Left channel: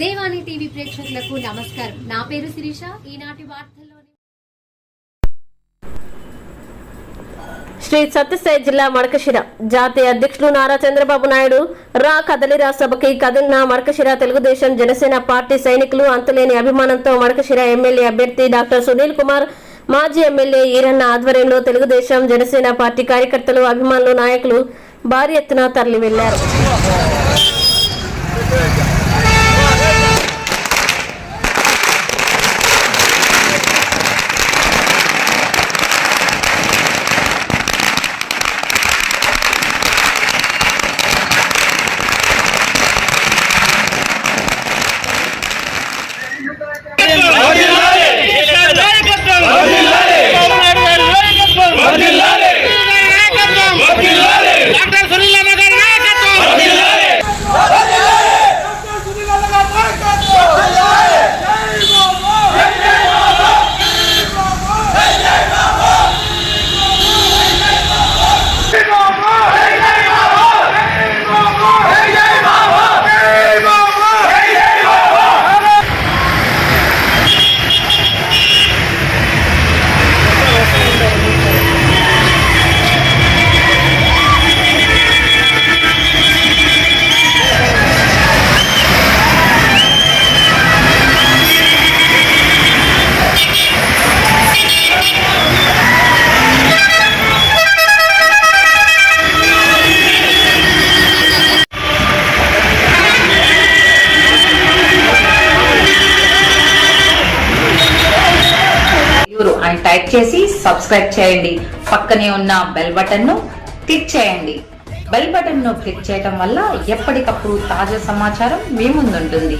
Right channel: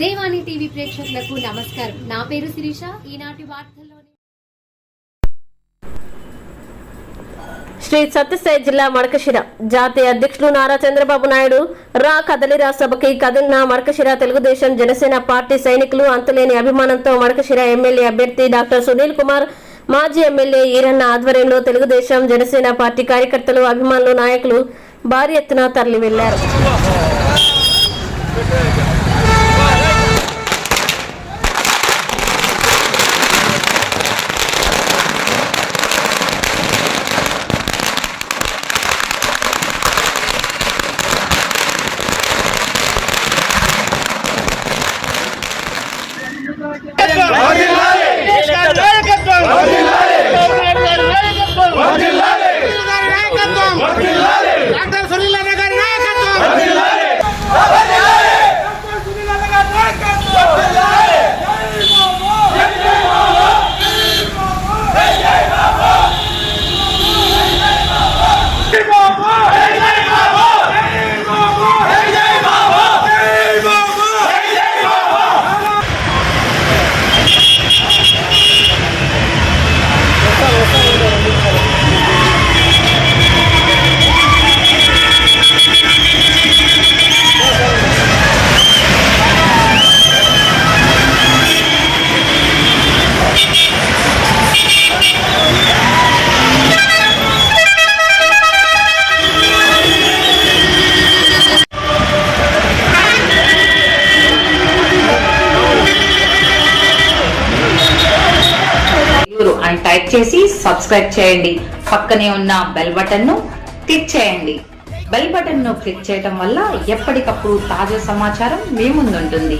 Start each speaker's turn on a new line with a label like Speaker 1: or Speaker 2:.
Speaker 1: ప్రేక్షకులకు నమస్కారం. నా పేరు శిరీష. ఈనాటి వార్తల్లోని
Speaker 2: శ్రీ సత్యసాయి జిల్లా మడకశిర. జాతీయ అధ్యక్షులు నారా చంద్రబాబు నాయుడు రా కదలిరా సభకి కదిలిన మడకశిర తెలుగుదేశం జనసేన పార్టీ సైనికులు అంతులేని అభిమానంతో మడకశిర ఎమ్మెల్యే అభ్యర్థి డాక్టర్ సునీల్ కుమార్ మాజీ ఎమ్మెల్యే ఈరన్న ఆధ్వర్యంలో తెలుగుదేశం జనసేన పార్టీ కార్యకర్తలు అభిమానులు నాయకులు భారీ ఎత్తున తరలి వెళ్ళారు
Speaker 3: డాక్టర్
Speaker 4: అని టైప్ చేసి సబ్స్క్రైబ్ చేయండి. పక్కనే ఉన్న బెల్ బటన్ను క్లిక్ చేయండి. బెల్ బటన్ను క్లిక్ చేయటం వల్ల ఎప్పటికప్పుడు తాజా సమాచారం మీ ముందుంటుంది.